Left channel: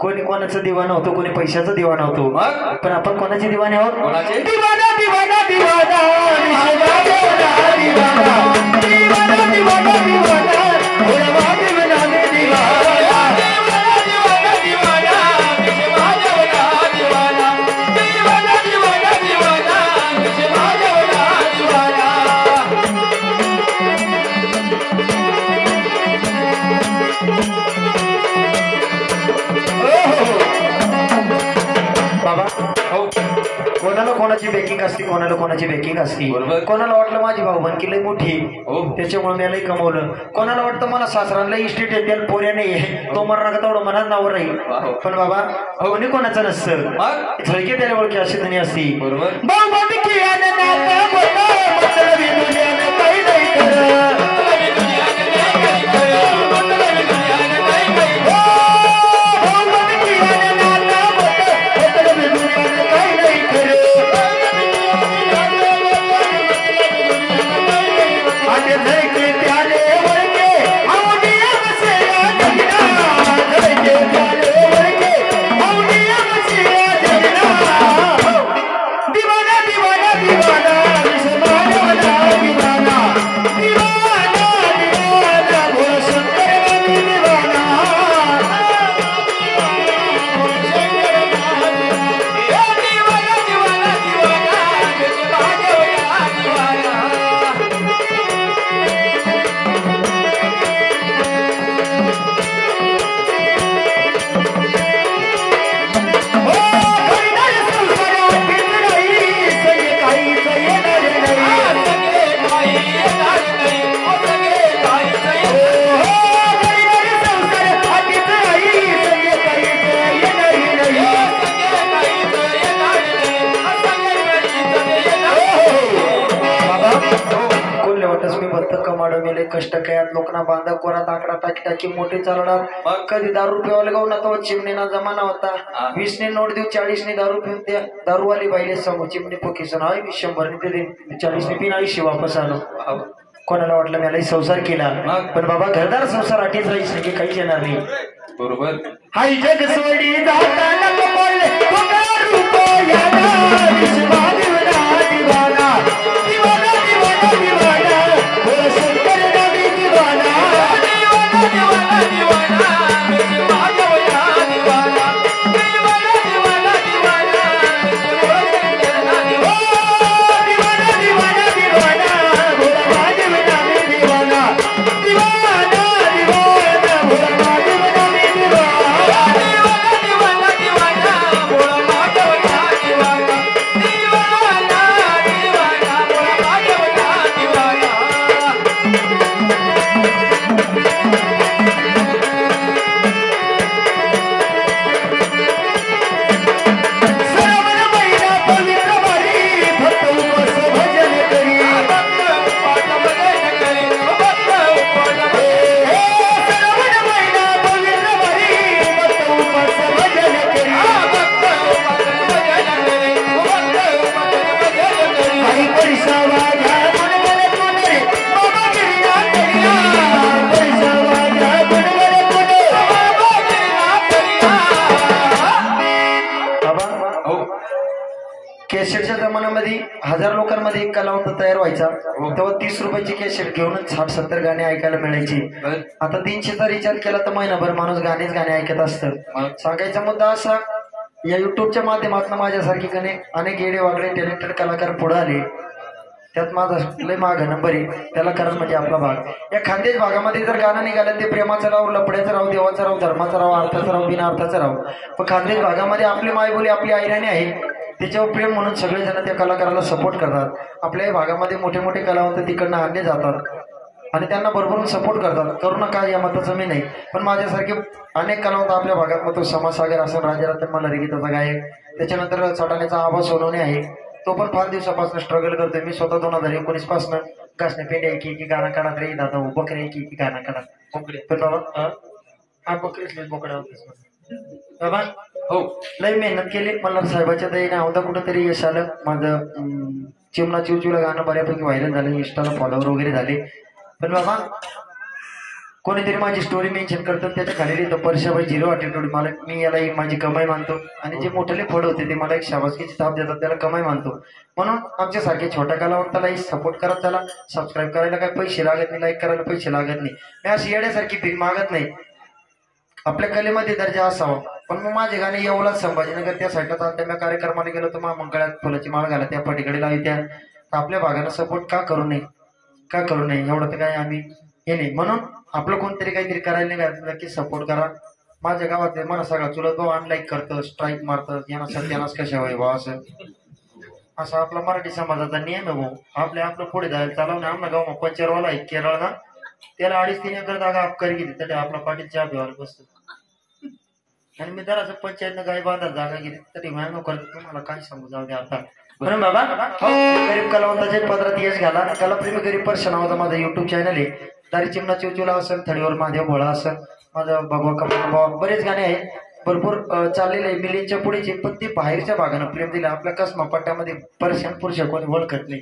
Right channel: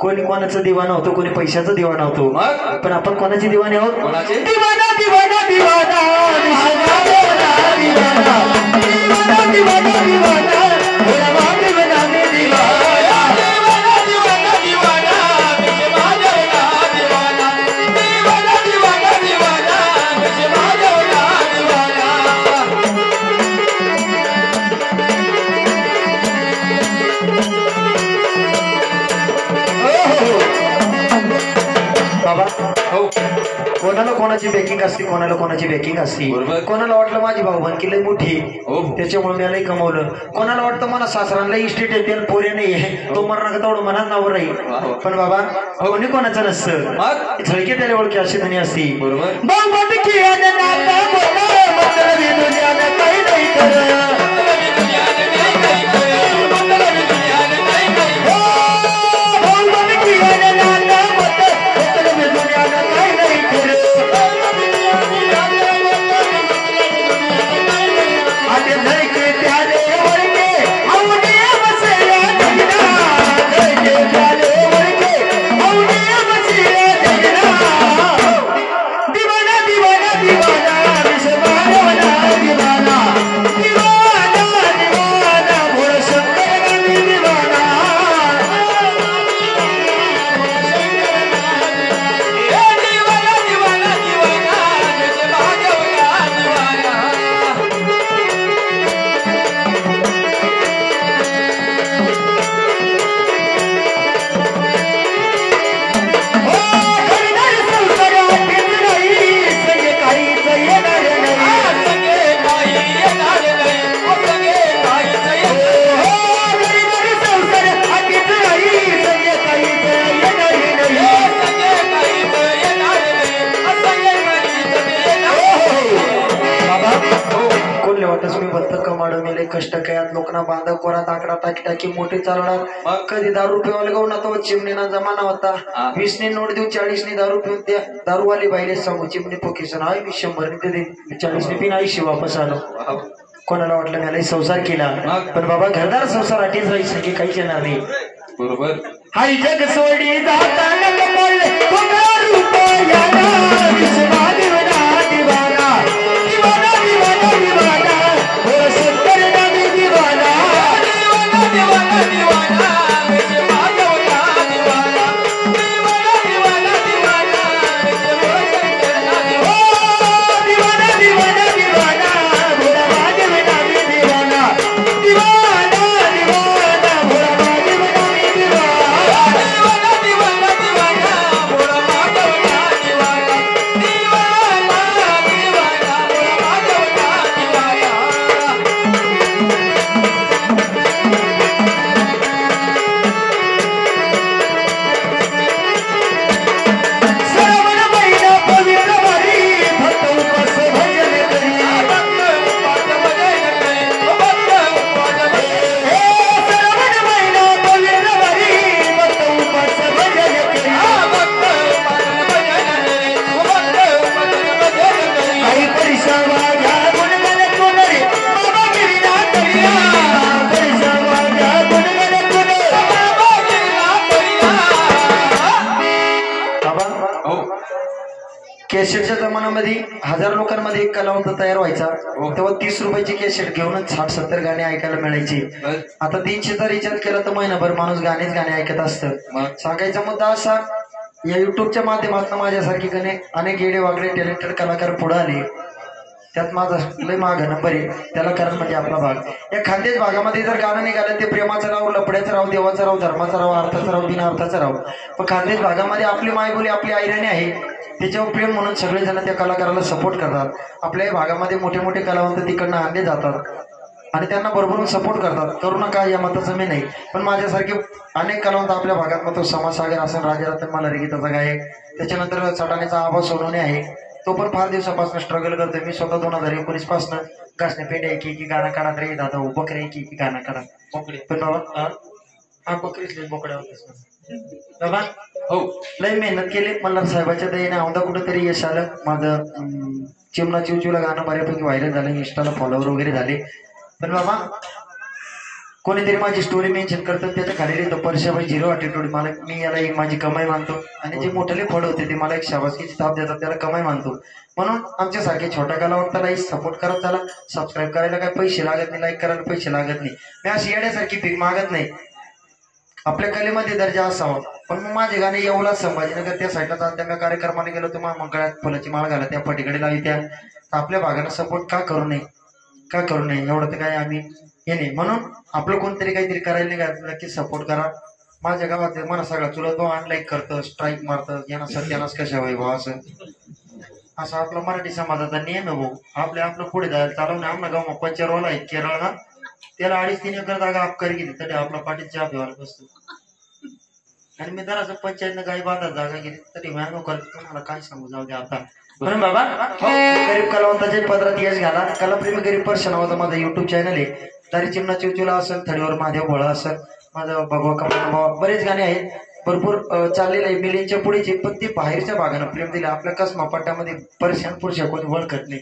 कोणी कोणाचं दिवाना होतो, कोणी पैशाचं दिवाना होतो, पण आपण कोणाचे दिवाने आहोत? कोणाचे? दिवाना दिवाना दिवाना कोणाला कोणाची बॅकिंग असते, कोणाला कोणाची बॅकिंग असते. कोणाला वाटलं माझी भाऊबंदकी लई मोठी त्याच्यामुळे मी लई कमवलं, कोणाला वाटतं मला सासरांना इस्टेट येते पोऱ्या नाही आहे तो मरणा तेवढं मनात नावर राहील. पण बाबा कोणी कोणाचं नसतं, झळके त्याला ओळखी अशी धनी असती. कष्ट कयात लोकांना बांधा कोरात आकडा टाकी टाकी मोठे चालवणार. कधी दारू पिवायला गाऊ ना तो चिमणीना जमाना होता. 20 ने नोट देऊ 40 ने दारू पिऊन त्या दारूवाली बाईले सांगू चिमणी पोकेसन हाय मी 100 ने दे 40 ने पिन 80 वापस आलो. कोणाला वाटलं मला संसार केला, पण बाबा घरदार संसार अटीच राहील सगळी काहीच येणार नाही. बरोबर हाय जग सोडी जाताना बोलले कॅसेटच्या जमान्यामध्ये 1000 लोकांमध्ये एक कलावंत तयार व्हायचा. तेव्हा 30 रुपयाची कॅसेट घेऊनच 60-70 गाणे ऐकायला मिळायची. आता 300चा रिचार्ज केला तर महिनाभर माणूस गाणेच गाणे ऐकत असतं. सांगायचा मुद्दा असा, या युट्यूबच्या माध्यमातून माझ्यासारखी अनेक येडे वागडे टॅलेंटेड कलाकार पुढे आले. त्यात माझा लय माग नंबर आहे. त्याला कारण म्हणजे आपला भाग. या खानदेश भागामध्ये जर गाणं निघालं ते प्रेमाचं राव, लपड्याचं राव, देवाचं राव, धर्माचं राव, अर्थाचं राव, बिना अर्थाचं राव. पण खानदेश भागामध्ये आपली मायबोली आपली आयराणी आहे, त्याच्यावर प्रेम म्हणून सगळेजण त्या कलाकाराला सपोर्ट करतात. आपल्याही भागामध्ये मोठे मोठे कलावंत तिकडनं आणले जातात आणि त्यांना भरभरून सपोर्ट करतात. करू नका या मताचं मी नाही, पण माझ्यासारखे अनेक कलावंत आपल्या भागात मग तो समाजसागर असेल, राजारत्न मल्हारी गीताचा गायक, त्याच्यानंतर सटाण्याचा आबा सोनवणे आहे, तो पण फार दिवसापासून स्ट्रगल करतोय. मी स्वतः 2019 पासून घासणे पेंड्या की गाणं काढा रे दादा, बकरे की गाणं काढा बोकडे. पण बाबा हा बकरीच नाही, बोकड्या होतेच बाबा. हो लय मेहनत केली. मल्हार साहेबाच्या दयेने औंधा कुठेतरी यश आलं. माझं चिमणा चिवचिवला गाणं बऱ्यापैकी व्हायरल झालं, इंस्टाला फॉलोवर वगैरे झाले. पण बाबा कोणीतरी माझी स्टोरी मेन्शन करतात त्याच्या खाली लिहितं परशाबाई 0 ॲटिट्यूड. मला मी याला माझी कमाई मानतो आणि जे मोठे फळ होते ते मला एक शाबासकीची थाप देतात त्याला कमाई मानतो. म्हणून आमच्यासारखे छोट्या कलावंतालाही सपोर्ट करत चला. सबस्क्राईब करायला काही पैसे लागत नाही, लाईक करायला पैसे लागत नाही. मी अशी येण्यासारखी भीक मागत नाही. आपल्या कलेमध्ये दर्जा असावा. पण मग माझे गाणे येवला संभाजीनगर त्या साईडला चालत्या मी कार्यक्रमाला गेलो तर मंगळात फुलाची माळ घाला त्या पटीकडे लावी त्या. आपल्या भागाला सपोर्ट का करू नये, का करू नये एवढं तर काही आम्ही हे नाही. म्हणून आपलं कोणतरी काहीतरी करायला नाही की सपोर्ट करा. माझ्या गावात मला सगळा चुलत भाऊ अनलाईक करतं, स्ट्राईक मारतं, यांना सत्यानाच कशा व्हाय बा असं असं आपला मराठी समाजाचा नियम आहे भाऊ. आपलं पुढे जायला चालवणं. आमना गाव पंचरवाला आहे केरळला, त्याला 2.5-3 एकर जागा अपकारी गेली तरी आपला पाटील चहा प्यावायला बसतो. आणि मी जरासं पंचायतनं गाई बांधायला जागा गेली तरी व्यायाम करत तुम्हाला काय सांगू. जाऊ दे आता. म्हणून बाबा गरीब कलावंताच्या पदरात यश घाला. कलाप्रेमी गरीब परशा नावाचा माझा युट्यूब चॅनल आहे. तारी चिमणा चिवचिवला असेल, थडीवर महादेव भोळा असेल, माझं भगवा कपडा बरेच गाणे आहेत. भरपूर चाललेले आहे मिलियनच्या पुढेचे. पण ते बाहेरच्या भागानं प्रेम दिले. आपल्या कसमा पट्ट्यामध्ये परशान पुरुष कोणी ओळखत नाही.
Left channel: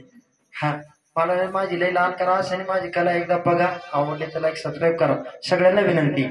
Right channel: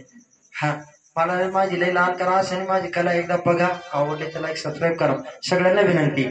हा मला माझी लई लहान करा असं माझी कला एकदा बघा. आवडले तर लाईक सबस्क्राईब करा. सगळ्यांना विनंती.